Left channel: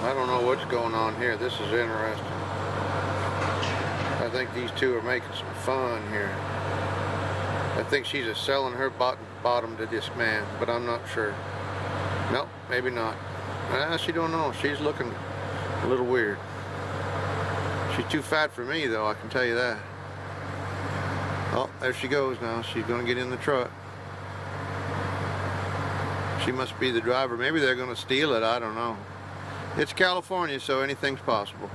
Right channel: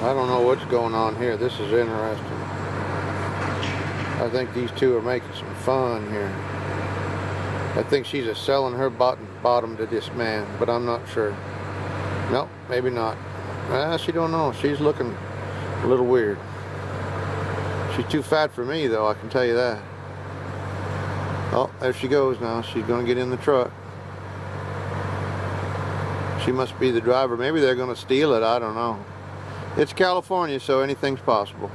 I don't know what's going on here. This is interesting. I think these two are making some fun here. I think she's just selling her bottom to this man, but I'm not sure. Nope, maybe not. She don't know. She's looking a little weird. She's too fat for me, though, I can tell you that. Oh, there she goes now. She's going to get in the truck. She must be the driver. Maybe they're going to steal it. I don't know. It's California, so anything's possible.